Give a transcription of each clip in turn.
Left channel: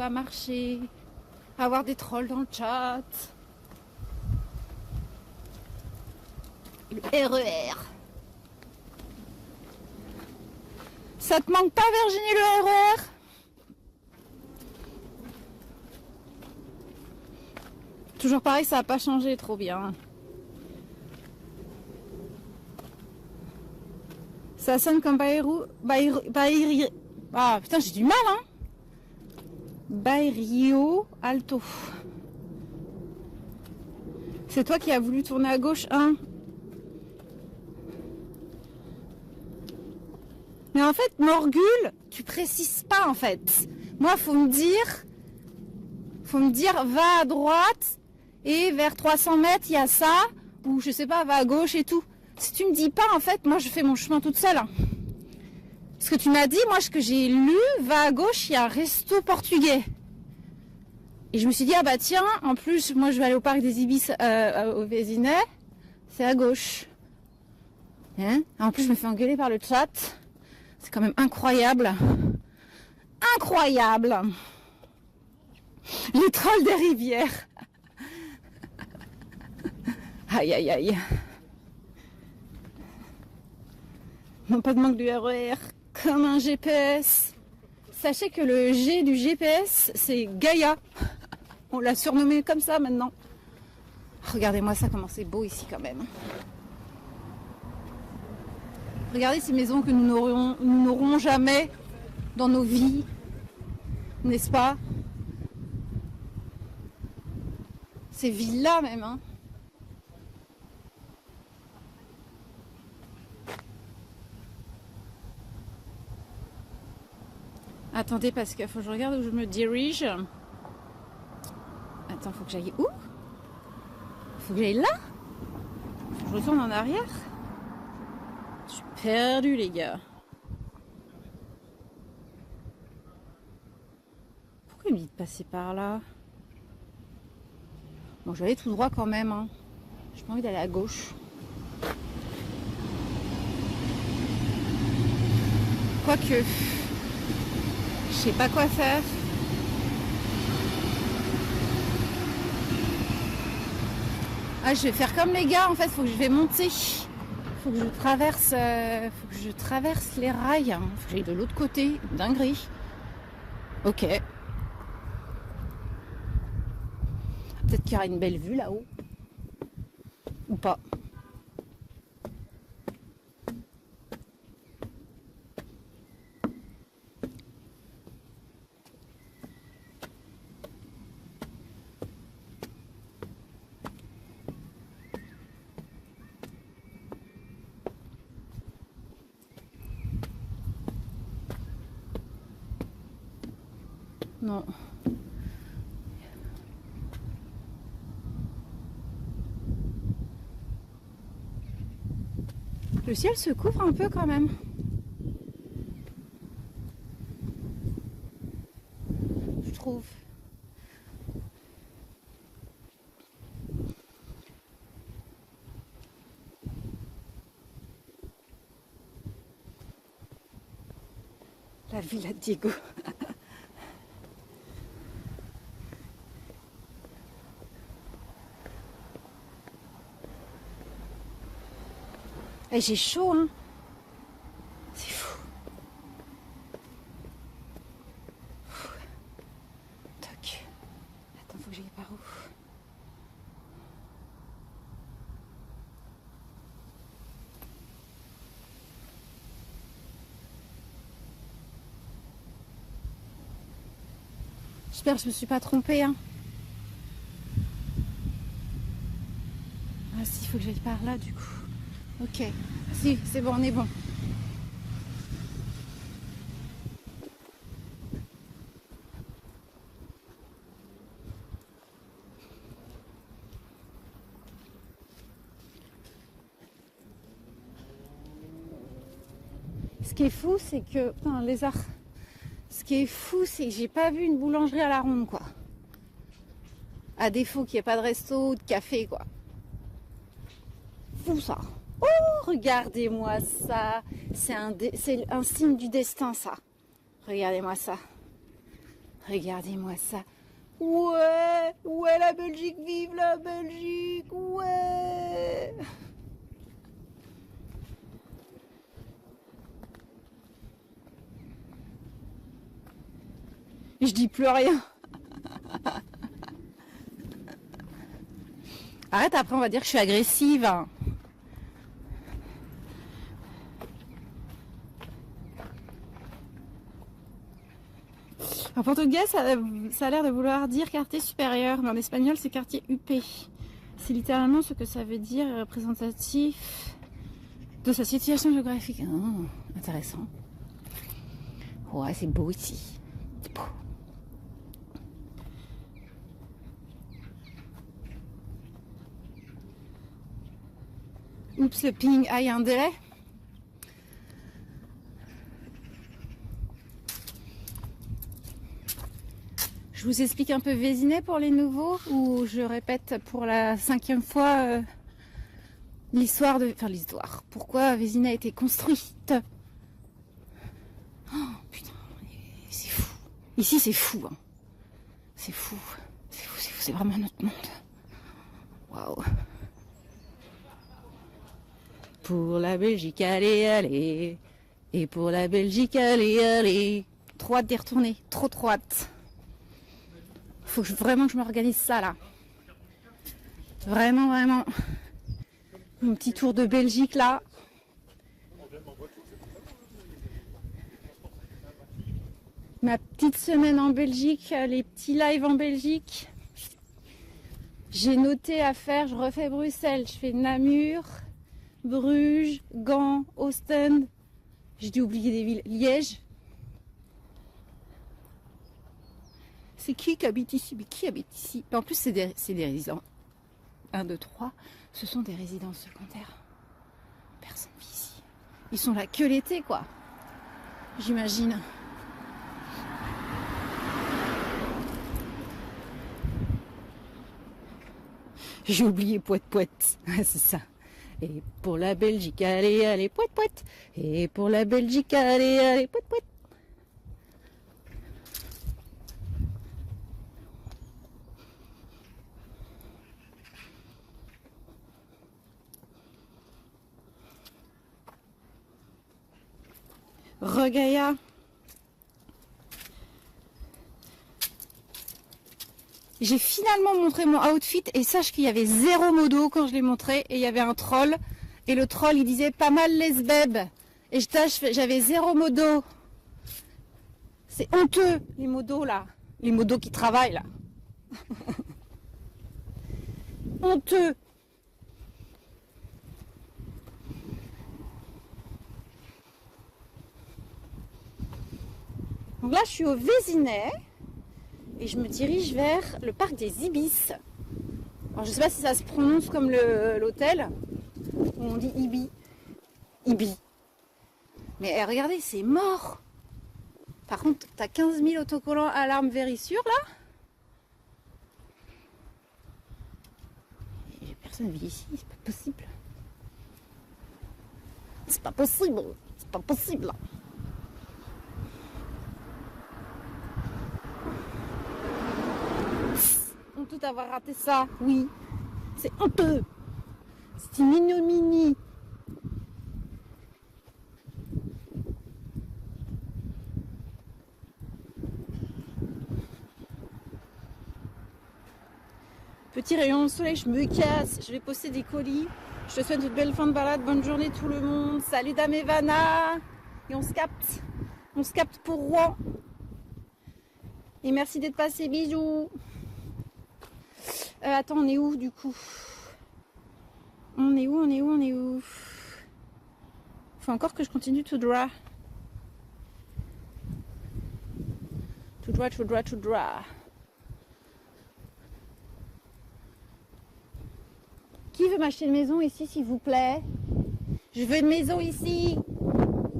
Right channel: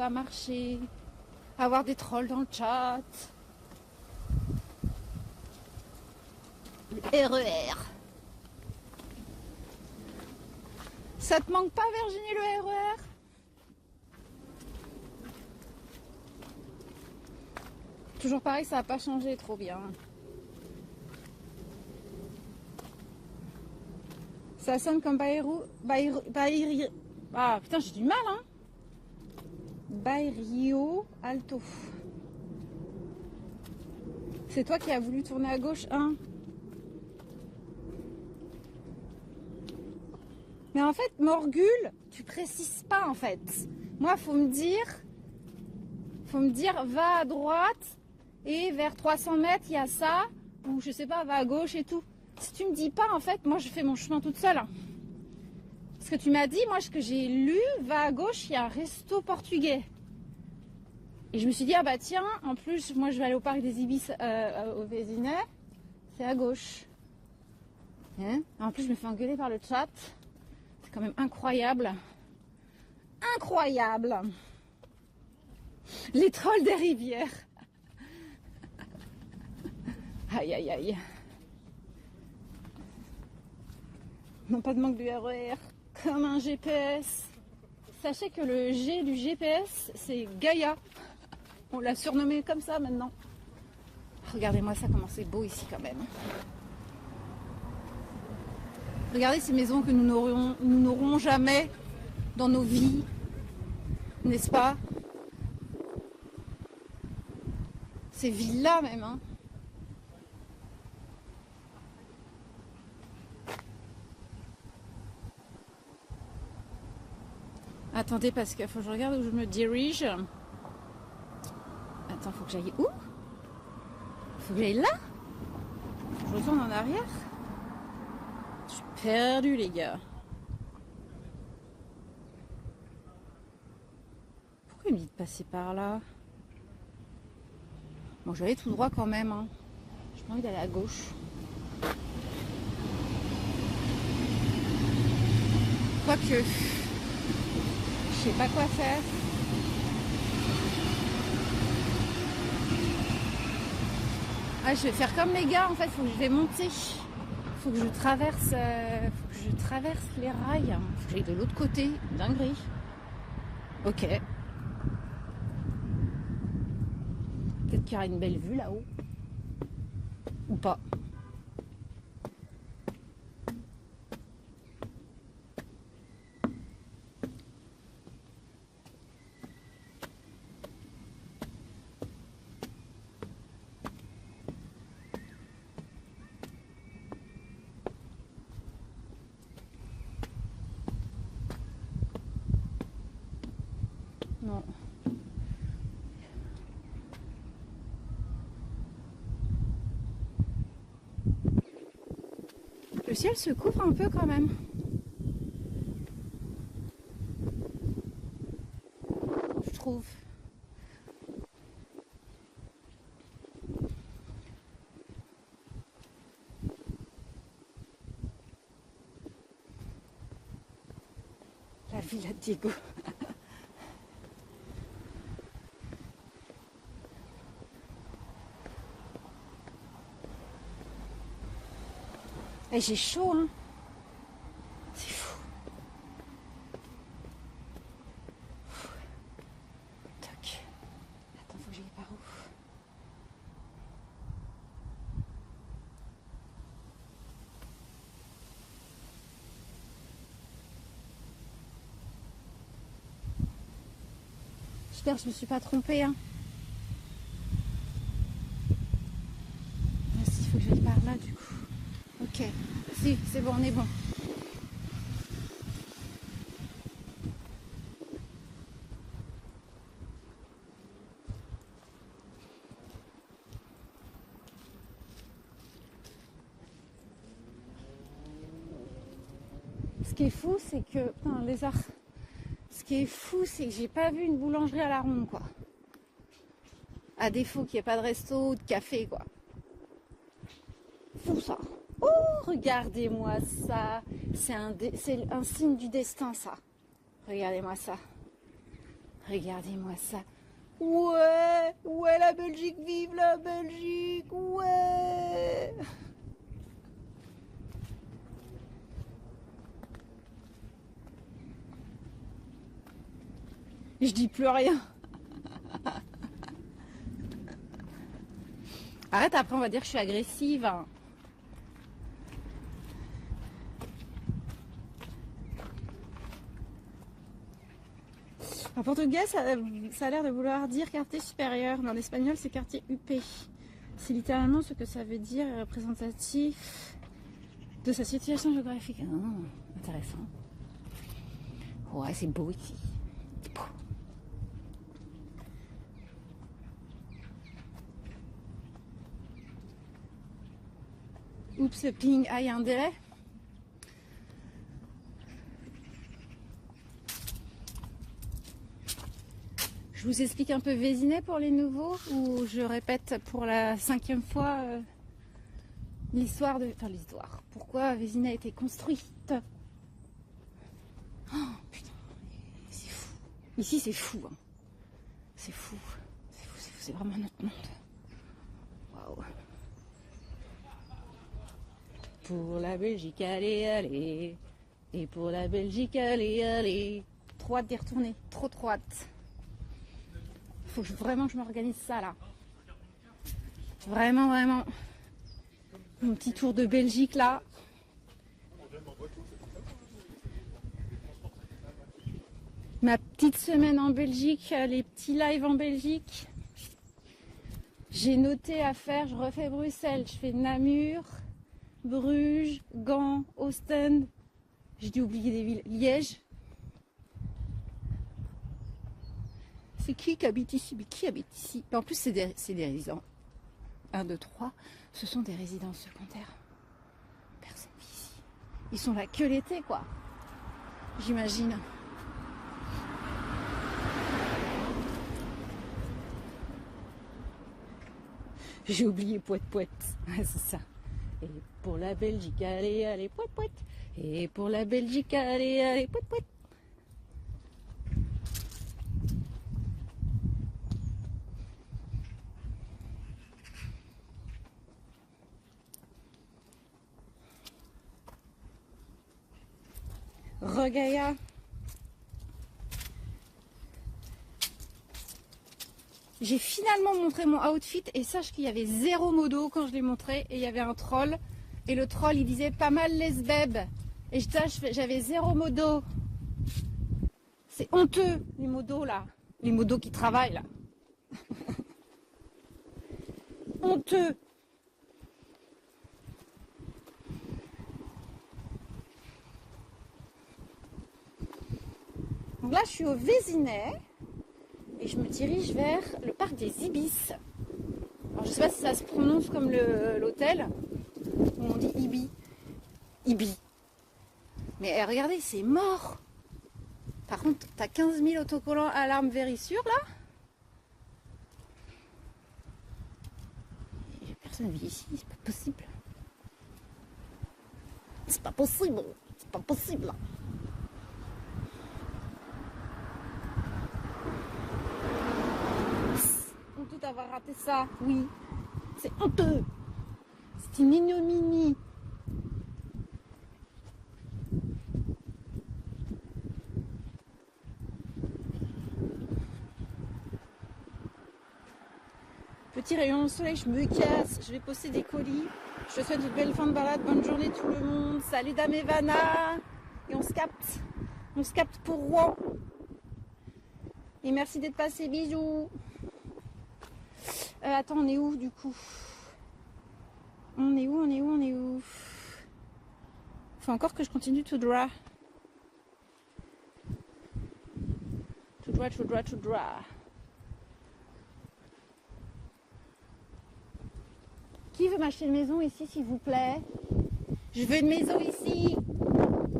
à marcher, à avoir des trolls dans le chat. Le RER. Ça te manque pas, Virginie, le RER? Toujours pareil, ça n'a pas changé trop bien. Ça sonne comme Ah putain, j'ai du mal, hein. Bairro Alto. C'est toi qui as voulu tourner à gauche, hein? Mais en fait, Morgul, tu précises pas en fait. Moi, faut me dire, va à droite et vers 300 mètres, il y a ça, ou je sais pas, va à gauche et tout. Si tu me dis pas, en fait, moi, je fais mon chemin toute seule. Hein. Ce que tu m'as dit, moi, ce que j'ai lu, va à gauche, il y a un resto portugais. Et je me suis dit, ah bah tiens, en plus, moi, je vais aller au parc des Ibis au Vésinet, c'est à gauche. Hein? En plus, je me fais engueuler par le chat. C'est quand même incroyable. Incroyable. Les trolls des rivières. Aïe, aïe, aïe. Non, pas de manque du RER. Comme un GPS. Sachez que le G du GPS, c'est Gaïa. On l'a surnommé comme ça maintenant. Regardez-moi ça, comment c'est beau ici quand même. Regardez ces maisons que nous n'aurons jamais dans nos vies. N'est-ce pas? Ces villas même, hein. Attendez, parce qu'il faut que je regarde où je me dirige. Attends, faut que j'aille où? Faut que j'aille là? Je retourne en arrière? Je suis perdue, les gars. Pourquoi il me dit de passer par là? Bon, j'allais tout droit quand même, hein. J'ai pas envie d'aller à gauche. Quoique, je sais pas quoi faire. Ah, je vais faire comme les gars, en fait, faut que je vais monter. Faut que je traverse les rails. Faut que j'aille de l'autre côté. Dinguerie. Ok. Peut-être qu'il y aura une belle vue là-haut. Ou pas. Non. Le ciel se couvre un peu quand même. Je trouve. La villa de Diego. Et j'ai chaud, hein. C'est fou. Toc. Attends, faut que j'aille par où? J'espère que je me suis pas trompée, hein. Ah si, il faut que j'aille par là du coup. Ok, si, c'est bon, on est bon. Ce qui est fou, c'est que... Putain, un lézard. Ce qui est fou, c'est que j'ai pas vu une boulangerie à la ronde, quoi. À défaut qu'il n'y ait pas de resto ou de café, quoi. Fou, ça. Oh, regardez-moi ça. C'est un signe du destin, ça. Regardez-moi ça. Regardez-moi ça. Ouais, ouais, la Belgique, vive la Belgique, ouais. Je dis plus rien. Arrête, après on va dire que je suis agressive. En portugais, ça a l'air de vouloir dire quartier supérieur. Mais en espagnol, c'est quartier UP. C'est littéralement ce que ça veut dire, représentatif de sa situation géographique. Oh, intéressant. Ouais, c'est beau ici. C'est beau. Oups, le ping. Ah, il y a un délai. Je vous explique un peu Vésinet pour les nouveaux, ou je répète pour la 5e fois l'histoire de... Enfin, l'histoire. Pourquoi Vésinet a été construite. Oh, putain, c'est fou. Ici, c'est fou. Hein. C'est fou. C'est fou, c'est fou. C'est vraiment notre monde. Waouh. Pour la Belgique, allez, allez. Et pour la Belgique, allez, allez. Trop hâte d'y retourner. Trop hâte. Faut vraiment que je m'organise ça, là. Vraiment. Un petit tour de Belgique, là. Ma petite semaine en Belgique, les petits lives en Belgique. J'ai noté à faire, je refais Bruxelles, je fais Namur, Bruges, Gand, Ostende. J'ai dû oublier des villes. Liège. C'est qui habite ici? Mais qui habite ici? En plus, c'est des résidents. 1, 2, 3. Ce sont des résidences secondaires. Personne vit ici. Ils sont là que l'été, quoi. J'imagine. J'ai oublié poète. C'est ça. Et pour la Belgique, allez, allez, poète. Et pour la Belgique, allez, allez, poète. Regaïa. J'ai finalement montré mon outfit et sache qu'il y avait 0 modo quand je l'ai montré et il y avait un troll et le troll il disait pas mal les bebs et j'avais 0 modo. C'est honteux les modos là, les modos qui travaillent là. Honteux. Donc là je suis au Vésinet. Et je me dirige vers le parc des Ibis. Alors je sais pas si ça se prononce comme l'hôtel. On dit Ibi. Ibi. Mais regardez, c'est mort. Par contre, t'as 15 000 autocollants alarme vérissure là. Et personne vit ici, c'est pas possible. C'est pas possible. C'est pas possible. Honteux d'avoir raté ça, oui. C'est honteux. C'est une ignominie. Petit rayon de soleil, je me casse. Je vais poster des colis. Je te souhaite une belle fin de balade. Bonne journée tout le monde. Salut Dame Evana. Et on se capte. On se capte pour Rouen. Et merci d'être passé. Bisous. Attends, on est où du coup? On est où? Faut encore que je continue tout droit. Tout droit. Qui veut m'acheter une maison ici, s'il vous plaît? Je veux une maison ici.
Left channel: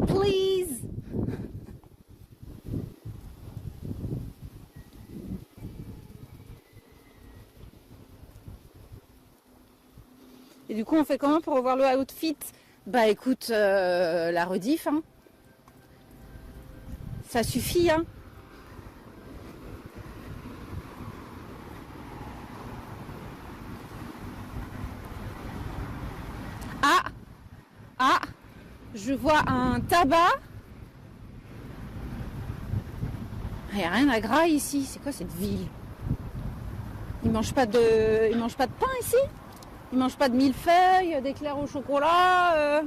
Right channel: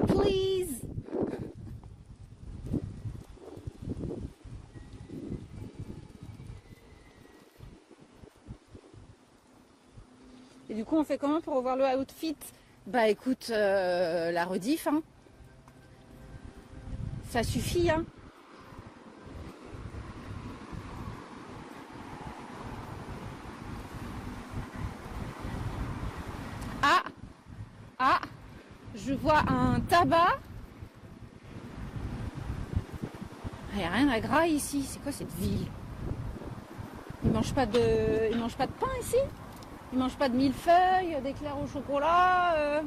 Please. Et du coup, on fait comment pour revoir le outfit? Bah écoute, la rediff, hein. Ça suffit, hein. Je vois un tabac. Il n'y a rien à Graille ici. C'est quoi cette ville? Ils mangent pas de pain ici? Ils mangent pas de millefeuilles, d'éclairs au chocolat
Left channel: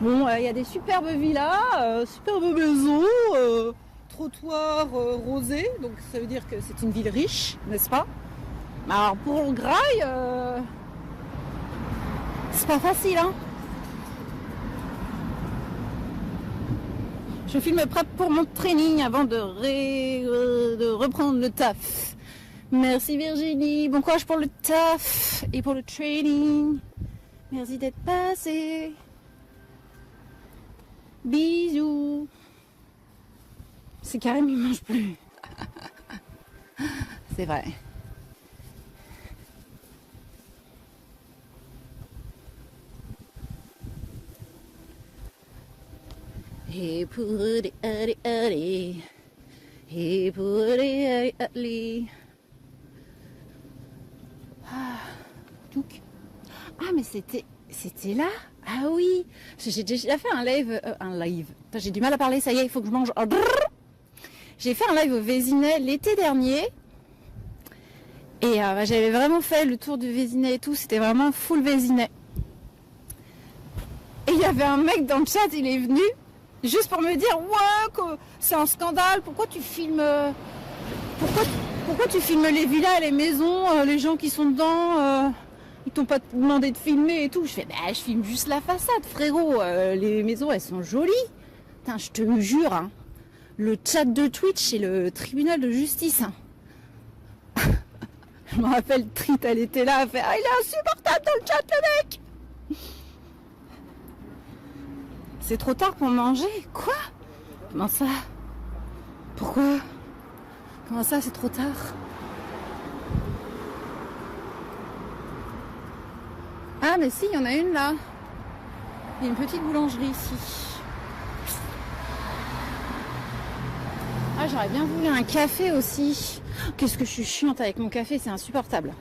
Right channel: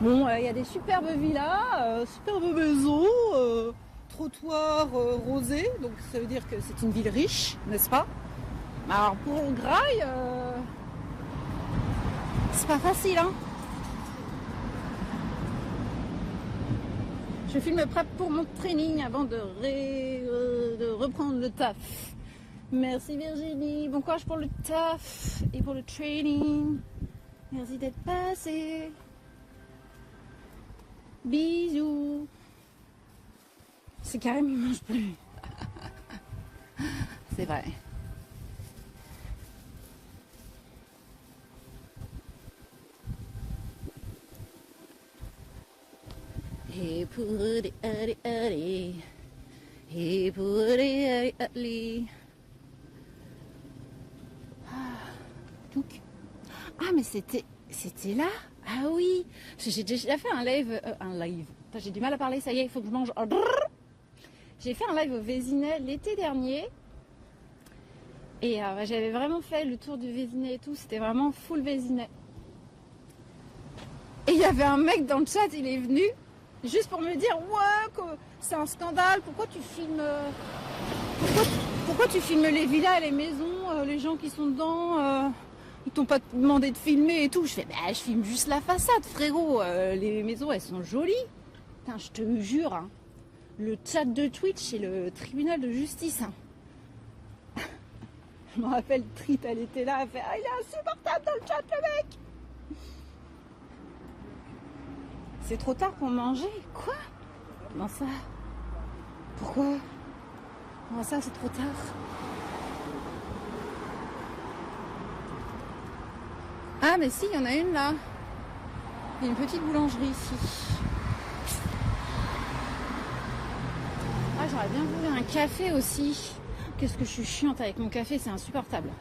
Bon, il y a des superbes villas, superbes maisons, trottoirs rosés, donc ça veut dire que c'est une ville riche, n'est-ce pas? Alors pour Graille, c'est pas facile, hein. Je filme prêt pour mon training avant de reprendre le taf. Merci Virginie, bon courage pour le taf et pour le training. Merci d'être passé. Bisous. C'est Karim, il mange plus. C'est vrai. Et pour les allez, et pour les allez. Donc, mais c'était là. Ah oui, parce que j'ai déjà fait un live. Putain, j'ai du mal à parler, ça y est, il faut que je mange. J'ai fait un live au Vésinet l'été dernier. Et j'avais vraiment fait le tour du Vésinet et tout, c'était vraiment full Vésinet. Et il y avait un mec dans le chat, il est venu juste pour me dire ouais, que c'est un scandale, pourquoi tu filmes pourquoi tu filmes les villas, les maisons, les gens qui sont dedans, ils t'ont pas demandé de filmer et tout. Je fais je filme juste la façade frérot, les maisons elles sont jolies. Putain, je te jure, hein, le chat de Twitch c'est le tribunal de justice. Hein. Je me rappelle, Trit, elle était là, elle fait il est insupportable dans le chat le mec. C'est trop tard pour manger? Quoi? Comment ça? Pourquoi? Comment ça, c'est trop tard? Ah, mais si, il y en a une là. Il y a une petite boulangerie ici. Ah, j'aurais bien voulu un café aussi. Qu'est-ce que je suis chiante avec mon café, c'est insupportable.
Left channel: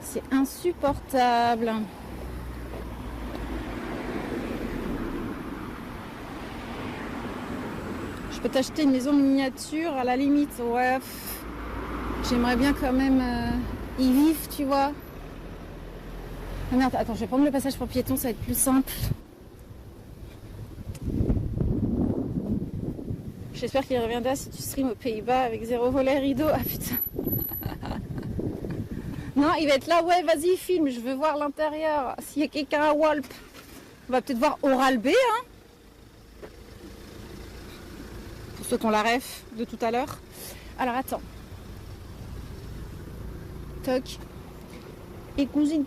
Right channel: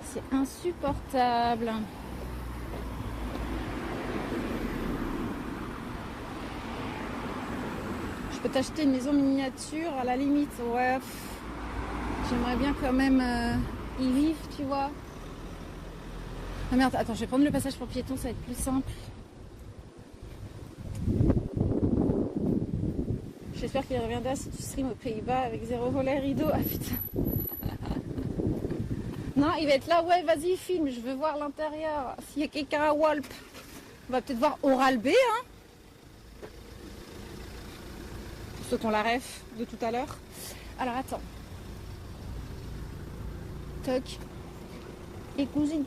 C'est insupportable. Je peux t'acheter une maison miniature à la limite, ouais. J'aimerais bien quand même y vivre, tu vois. Ah merde, attends, je vais prendre le passage pour piétons, ça va être plus simple. J'espère qu'il reviendra si tu stream aux Pays-Bas avec 0 volet rideau. Ah putain. Non, il va être là, ouais, vas-y, filme, je veux voir l'intérieur. S'il y a quelqu'un à Walp, on va peut-être voir Oral B, hein. Ceux qui ont la ref de tout à l'heure. Alors attends. Toc. Et cousine.